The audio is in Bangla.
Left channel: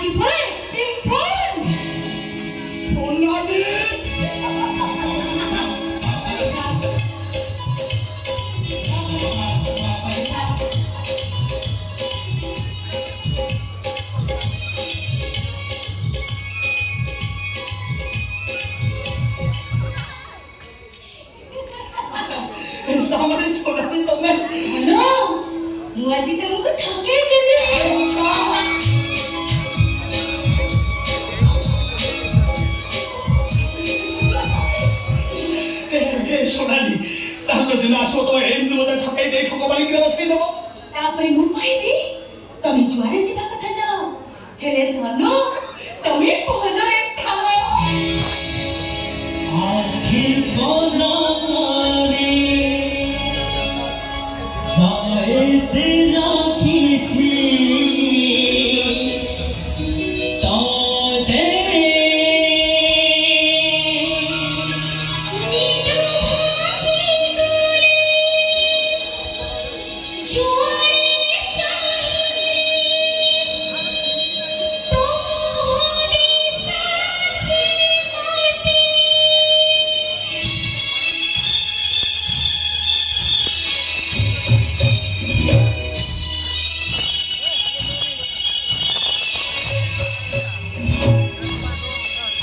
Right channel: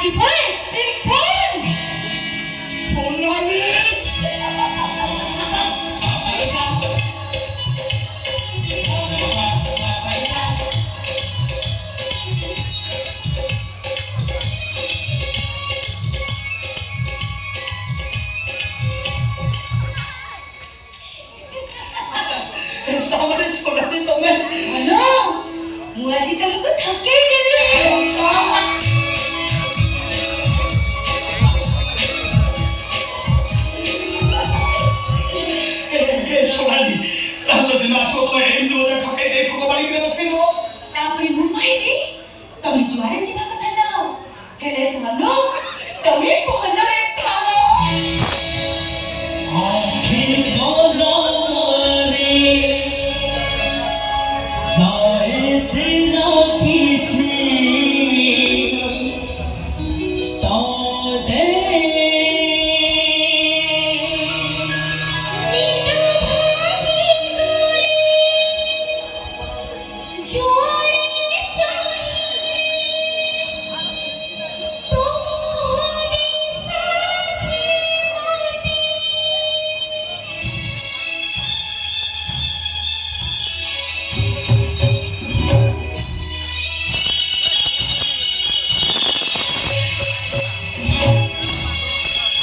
আজি পরে ফোন সোনালি তাহলে সোনালি তুমি হ্যালো মুয়াজি তোমাকে ঠকিয়ে দিলে সোনালি যদি না আসো তো এমনিতে ঠকাই দেয় ঠকবাড়ি করে বসে দেবো তারপরে মুম্বাই রে তুমি জুয়ারে ଯିବା କଥା ଯାଅ ହେଲେ ଧନ ତମେ ପହଞ୍ଚ